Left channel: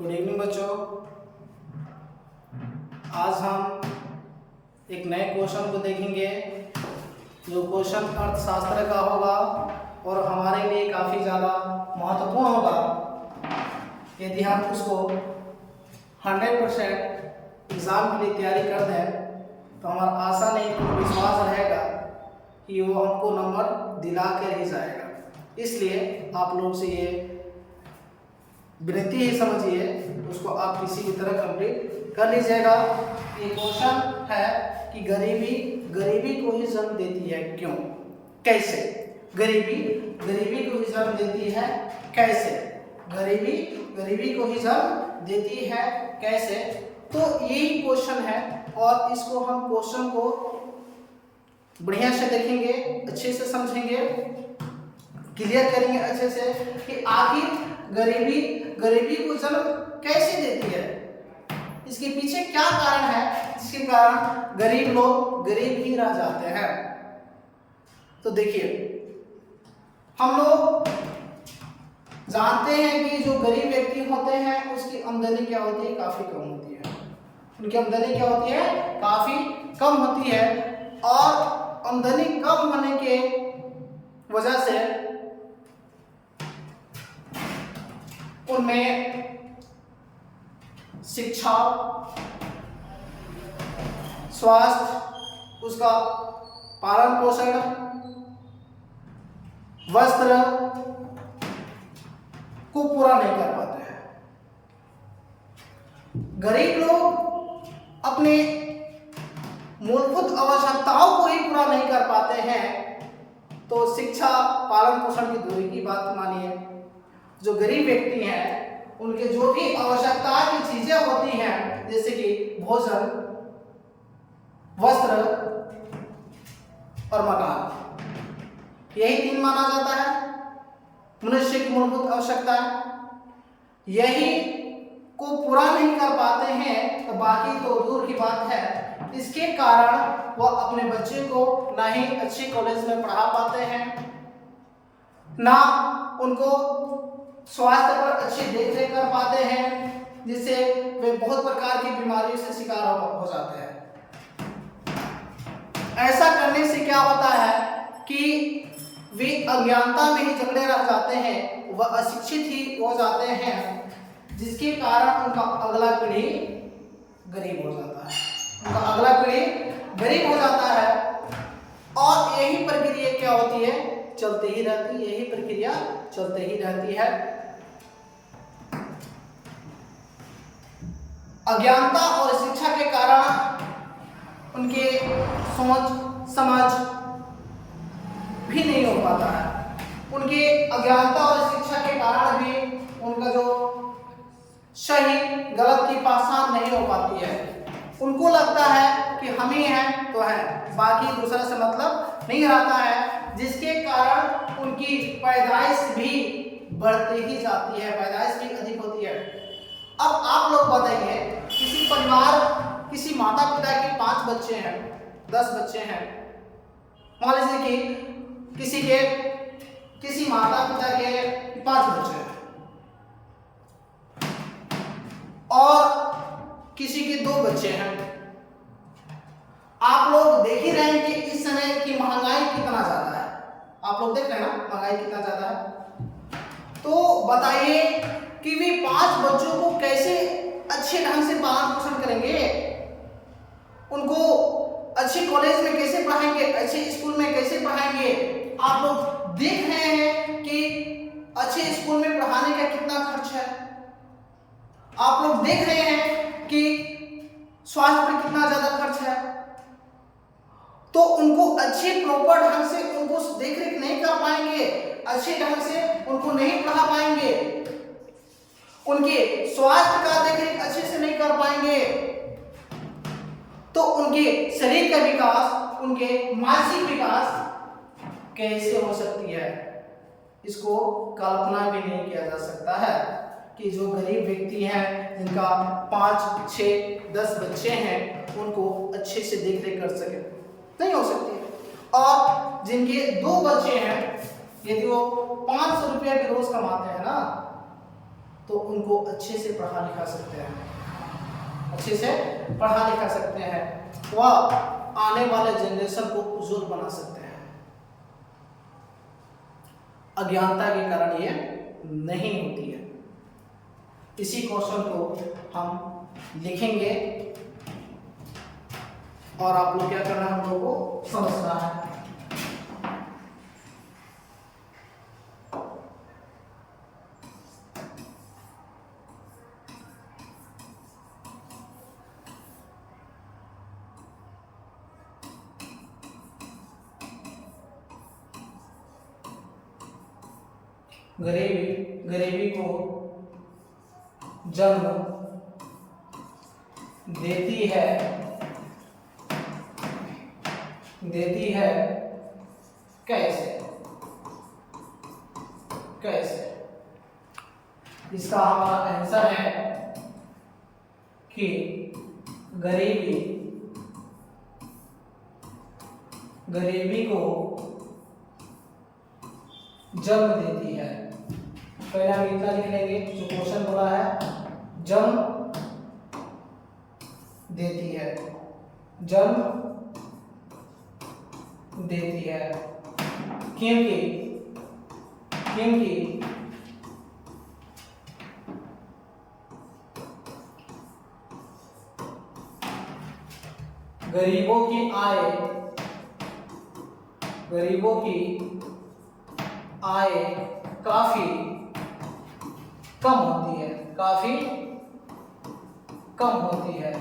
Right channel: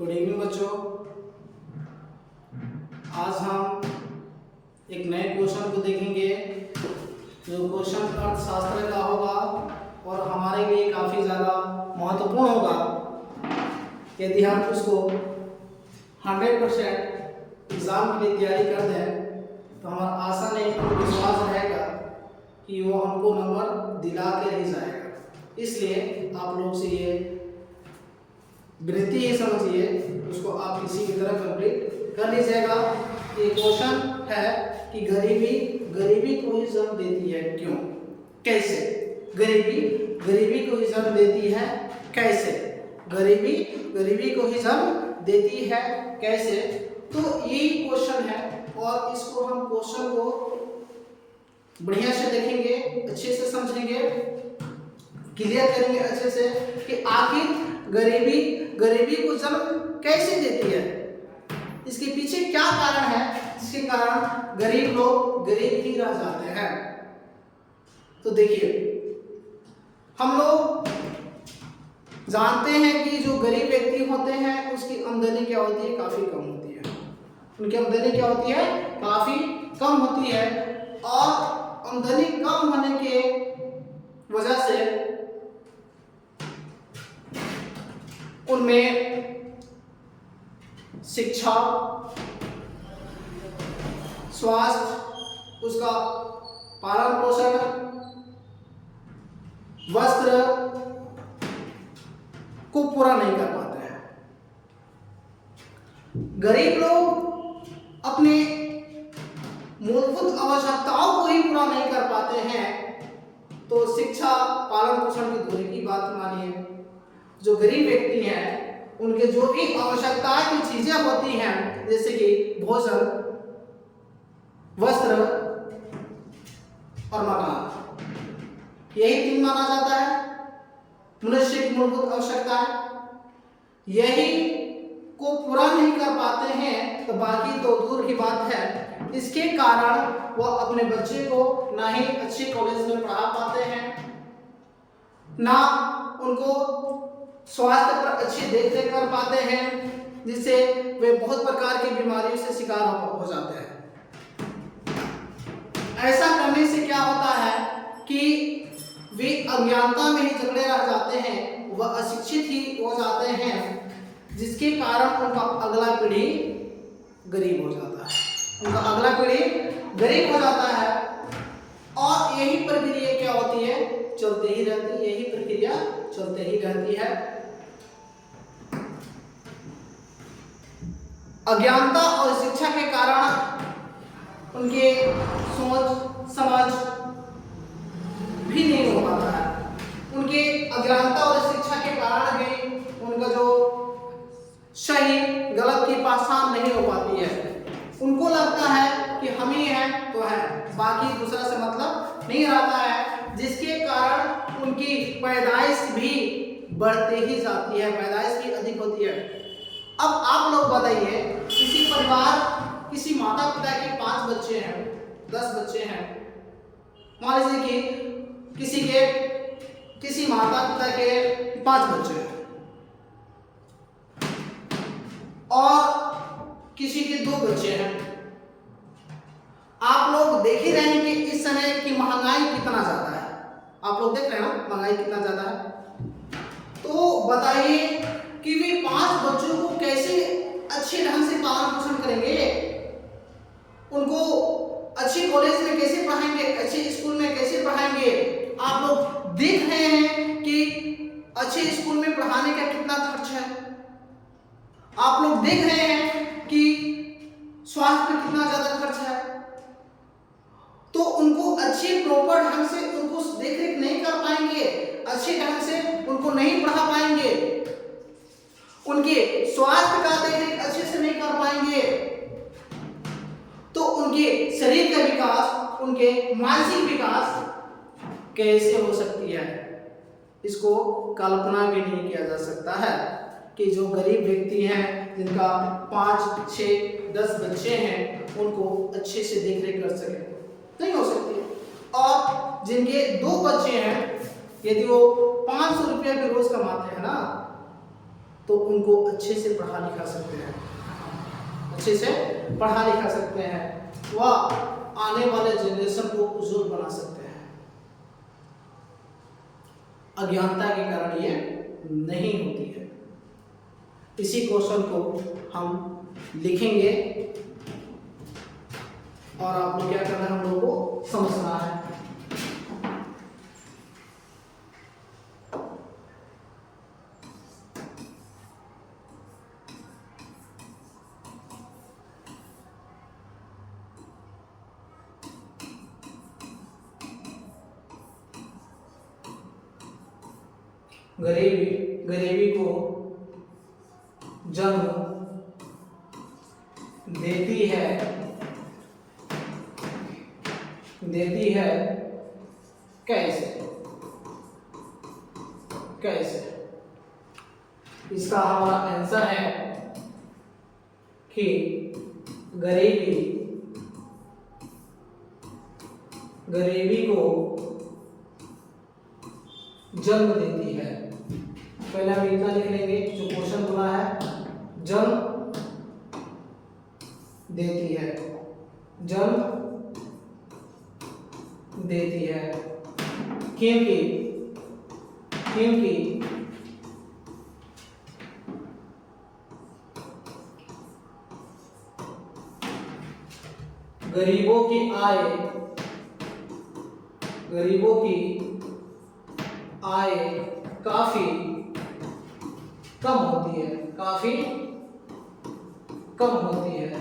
Good evening बच्चों। आज हम एक नए क्वेश्चन को देखेंगे जो क्वेश्चन अर्थशास्त्र का होगा और हमारे लिए काफ़ी ज़्यादा महत्वपूर्ण होगा। यदि हम उसको 100% एग्ज़ाम के लिए तैयारी कर दें तो हमारा आशा नहीं विश्वास रहेगा कि वो हमको नंबर दिला कर ही जाएगा। इसलिए आप लोग से ये विनती ही समझिए, उसको आप किसी भी तरह कंप्लीट कर लीजिएगा। ये क्वेश्चन है कि गरीबी को ही जन्म देती है क्यों, कैसे? गरीबी को ही जन्म देती है कैसे? गरीबी को ही जन्म देती है कैसे? तो यही क्वेश्चन है और इसको हम क्वेश्चन को बढ़िया से देखेंगे, अच्छे से समझेंगे, क्लियर करेंगे अच्छे से कि आखिर गरीबी को जन्म कैसे देती है, इसके पीछे क्या कारण है जिसके कारण गरीब लोग गरीब ही रह जाते हैं। तो देखिए, हम लोग जानते हैं कि जो गरीब व्यक्ति होते हैं उसकी आमदनी क्या होती है, काफी कम होती है। उनकी आमदनी क्या होती है, काफी कम होती है और आमदनी कम होने के वजह से उनमें शिक्षा, स्वास्थ्य, उसका पालन पोषण, वस्त्र को पूरा नहीं कर पाते हैं। गरीब लोग अपने मूलभूत आवश्यकताओं को ही पूरा नहीं कर पाते हैं तो शिक्षा, पालन पोषण की दूरी की बात मानिए। जो गरीब व्यक्ति हैं उनके जो भी आवश्यकता की चीजें होती हैं जैसे कि भोजन, वस्त्र और मकान, यही तीन माना जाता है मनुष्य की मूलभूत आवश्यकता। यही को पूरा नहीं कर पाते हैं तो बाकी तो दूर की बात है। इसके कारण वह अपने बच्चे को ना ही अच्छी कॉलेज में पढ़ा पाते हैं, ना उनको स्वास्थ्य पर अच्छी देखरेख कर पाते हैं, जिससे वे बहुत प्रकार की बीमारियों से शिकार हो जाते हैं। ऐसा करने से क्या होता है कि वे अज्ञानता में ही जकड़े रह जाते हैं, वह अशिक्षित ही हो जाते हैं, जिसके कारण उनका अगला पीढ़ी गरीब हो जाता है। और यही प्रक्रिया क्या होती है, चलती ही रहती है। अज्ञानता और शिक्षा के कारण उनके सोच समझ भी नहीं हो पाता है। उनके अज्ञानता और शिक्षा के कारण भी उनका जो सही गलत की पहचान नहीं हो पाती है। उनको लगता है कि हम ही हैं तो है, बाकी दूसरा से मतलब नहीं रहता है, जिसके कारण उनकी पैदाइश भी बढ़ती ही जाती है, पैदाइश भी अधिक होती है। अब आप लोग बताइए, किसी परिवार, किसी माता पिता के 5 बच्चे हैं, 10 बच्चे हैं, मान लीजिए कि किसी माता पिता के 5 बच्चे हैं और किसी के 2 बच्चे हैं। आप लोग देख ही रहे हैं कि इस समय की महंगाई कितना ज्यादा है। आप लोग देख रहे हैं ना महंगाई कितना ज्यादा है। तो बताइए कि वे 5 बच्चों को कैसे अच्छे ढंग से पालन पोषण करेंगे, उनको अच्छी कॉलेज में कैसे पढ़ाएंगे, अच्छे स्कूल में कैसे पढ़ाएंगे। आप लोग देख रहे हैं कि अच्छे स्कूल में पढ़ाने का कितना खर्च है। आप लोग देख रहे हैं कि स्वास्थ्य पर कितना ज्यादा खर्च है। तो उनको अच्छे प्रॉपर ढंग से उनको देखरेख नहीं कर पाएंगे, अच्छे ढंग से उनको नहीं पढ़ा पाएंगे, उनके स्वास्थ्य का देखरेख अच्छे से नहीं कर पाएंगे तो उनके शरीर का विकास, उनके मानसिक विकास कैसे हो सकती है, इसको कल्पना भी नहीं किया जा सकता है। कि जो गरीब व्यक्ति हैं जिनका 5, 6, 10 बच्चे हैं उनको अच्छे से देखरेख कर सके, नहीं हो सकती है। और जिनके 2 बच्चे हैं, यदि वो 500 रुपया भी रोज कमाते हैं ना, तो उनको अच्छे से पढ़ा लिखा सकते हैं, अच्छे से पढ़ा लिखा सकते हैं, वह आने वाले जनरेशन को उज्जवल बना सकते हैं। अज्ञानता के कारण ये नहीं होती है। इसी क्वेश्चन को हम लिखेंगे और आप लोग क्या करना है, हम लोग को समझना है। गरीबी को जन्म देती है कैसे? इसका हमारा आंसर है कि गरीबी को जन्म देती है। पहले हम इतना लिख लेंगे जो क्वेश्चन बोला है, जन्म देती है, जन्म देती है, क्योंकि गरीबों की आय काफी कम होती है,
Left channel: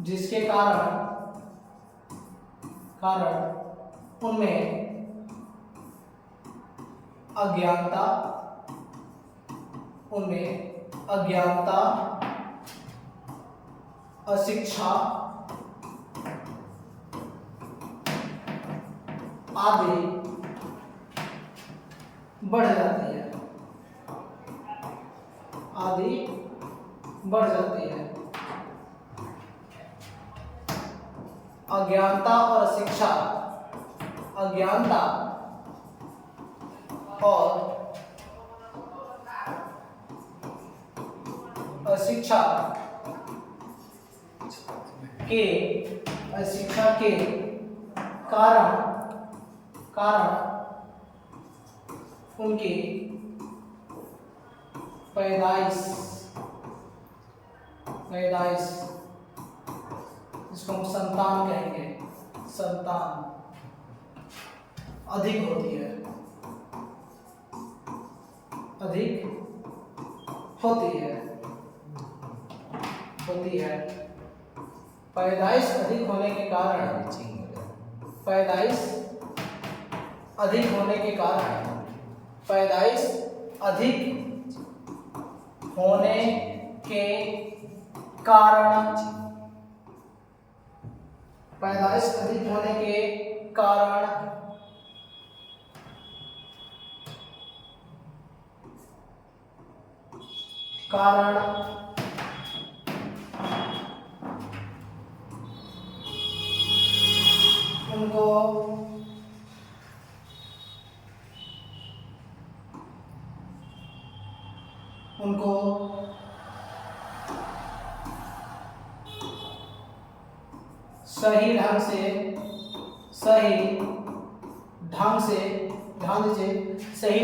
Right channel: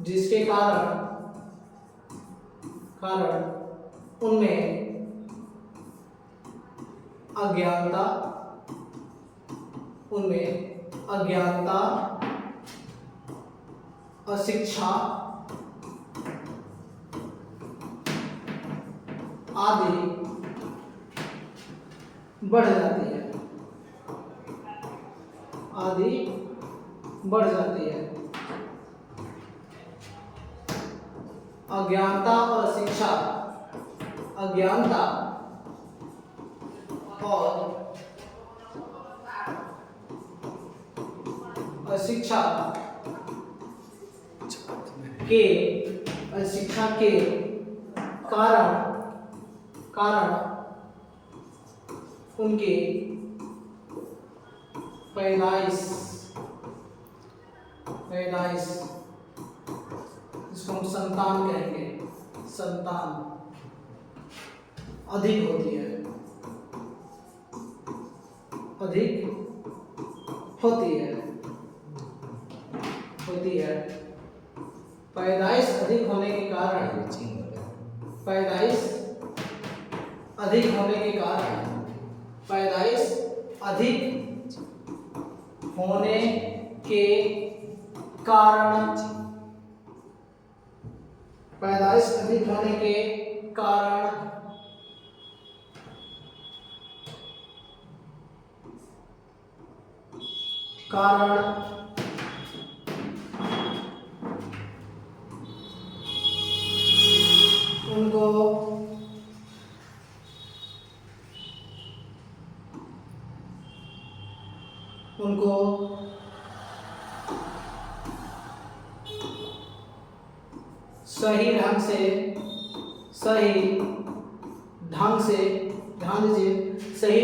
जिसके कारण उनमें अज्ञानता, अशिक्षा आदि बढ़ जाती है। अज्ञानता और अशिक्षा के कारण उनके पैदाइश इसको हम संतान कहेंगे, संतान अधिक होती है। पैदाइश अधिक होने के कारण पैदाइश अधिक होने के कारण उनको सही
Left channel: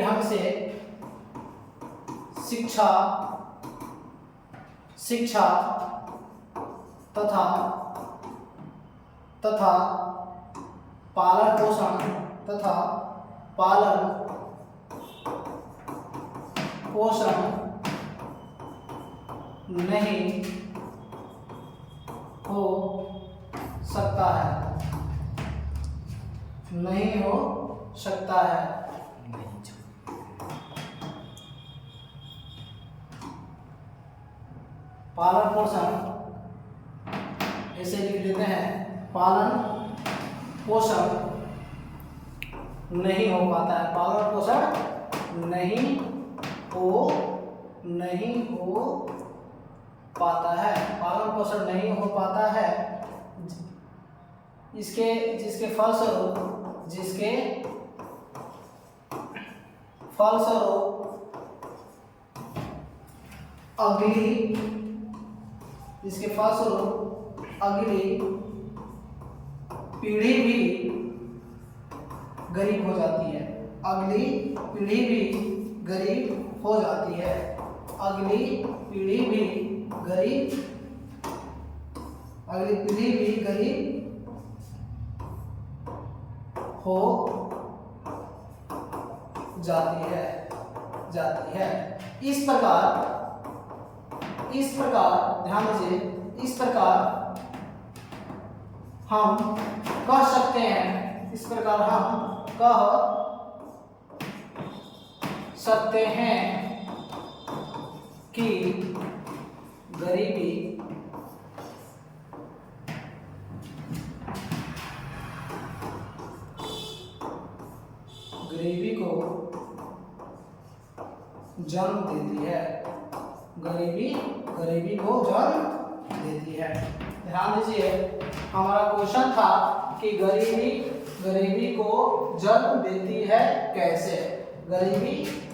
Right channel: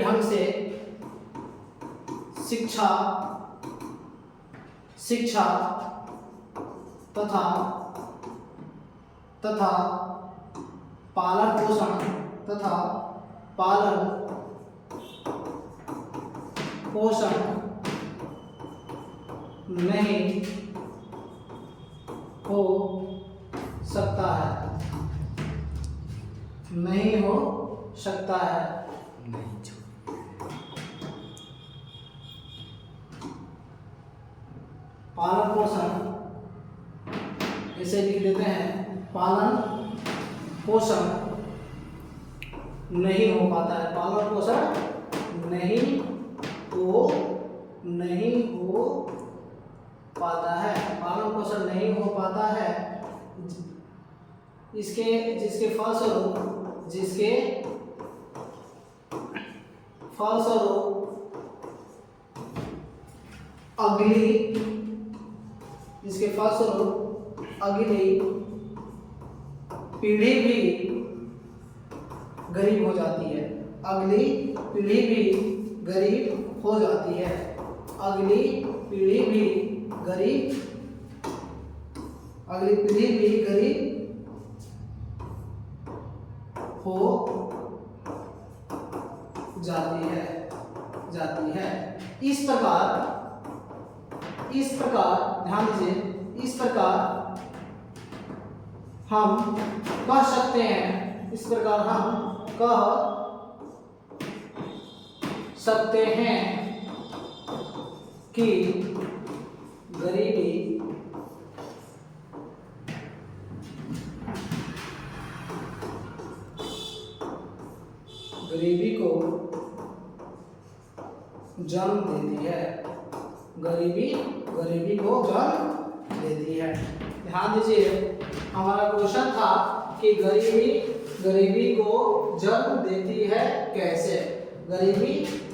ढंग से शिक्षा तथा पालन पोषण नहीं हो सकता है। पालन पोषण ऐसे लिख देते हैं, पालन पोषण नहीं हो पाता है, पालन पोषण नहीं हो पाता है, पालन पोषण नहीं हो पाता है, जिसके फलस्वरूप अगली पीढ़ी भी गरीब हो जाती है। अगली पीढ़ी भी गरीब हो जाती है। अगली पीढ़ी भी गरीब हो जाती है। इस प्रकार ध्यान दीजिए, इस प्रकार हम कह सकते हैं कि गरीबी को जन्म देती है। गरीबी को जन्म देती है। ध्यान दीजिए, हमारा क्वेश्चन था कि गरीबी को जन्म देती है कैसे।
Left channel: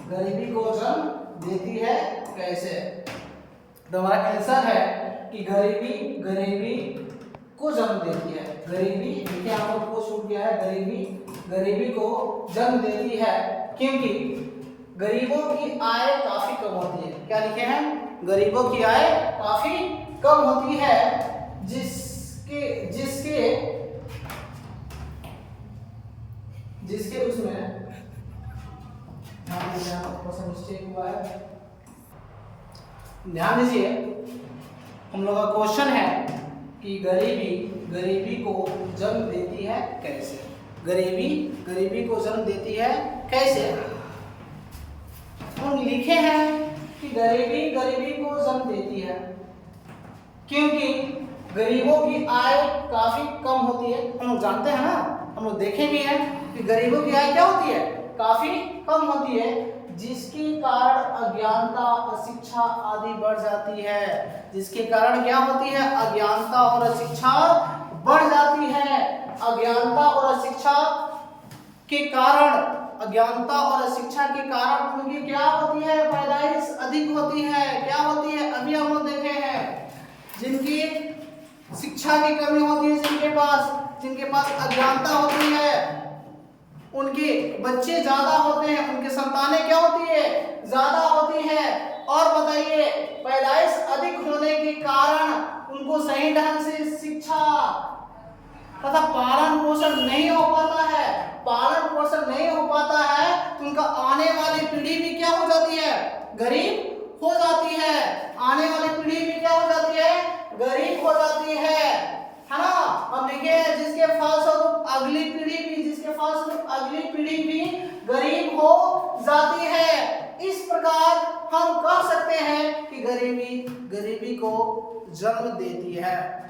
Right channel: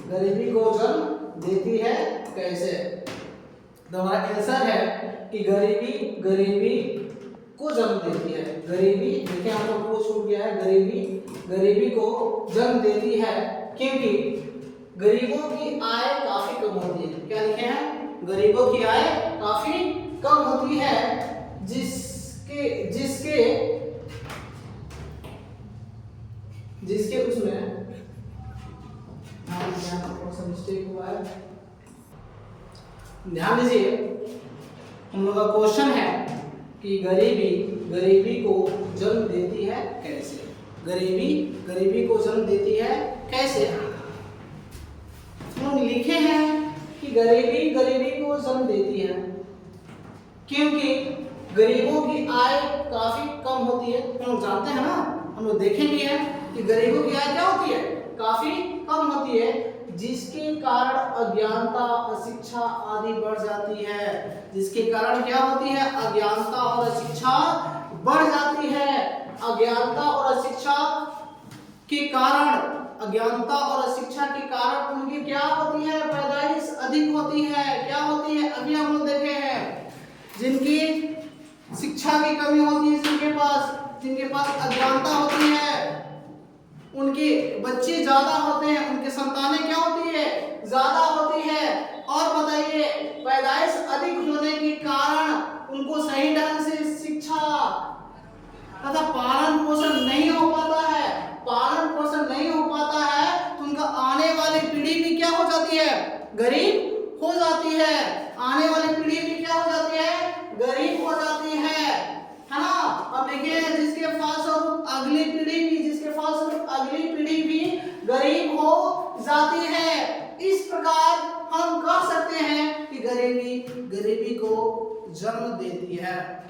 गरीबी को जन्म देती है कैसे? तो हमारा आंसर है कि गरीबी को जन्म देती है। गरीबी देखिए यहाँ पर को छूट गया है। गरीबी को जन्म देती है क्योंकि गरीबों की आय काफी कम होती है। क्या लिखे हैं? गरीबों की आय काफी कम होती है, जिसके उसमें मिस्टेक हुआ है। ध्यान दीजिए, हम लोग का क्वेश्चन है कि गरीबी को जन्म देती है कैसे। गरीबी को जन्म देती है कैसे? हम लिखे हैं कि गरीबी को जन्म देती है क्योंकि गरीबों की आय काफी कम होती है। हम लोग जानते हैं ना, हम लोग देखे भी हैं कि गरीबों की आय क्या होती है? काफी कम होती है, जिसके कारण अज्ञानता, अशिक्षा आदि बढ़ जाती है। जिसके कारण क्या होती है? अज्ञानता और अशिक्षा बढ़ जाती है। अज्ञानता और अशिक्षा के कारण उनकी क्या होती है? पैदाइश अधिक होती है। क्या होती है? अभी हम लोग देखे हैं, जिनकी शिक्षा की कमी होती है, जिनके पास अज्ञानता होती है, उनके बच्चे ज्यादा होते हैं, उनके संतानें क्या होती है? ज्यादा होती है। और बताइए, पैदाइश अधिक होने के कारण उनको सही ढंग से शिक्षा तथा पालन पोषण नहीं हो पाता है। तो उनका आने वाली पीढ़ी भी क्या हो जाती है? गरीब हो जाती है। आने वाली पीढ़ी भी क्या हो जाती है? गरीब हो जाती है ना। अब देखिए, जिसके फलस्वरूप अगली पीढ़ी भी गरीब हो जाती है। इस प्रकार हम कह सकते हैं कि गरीबी को जन्म देती है।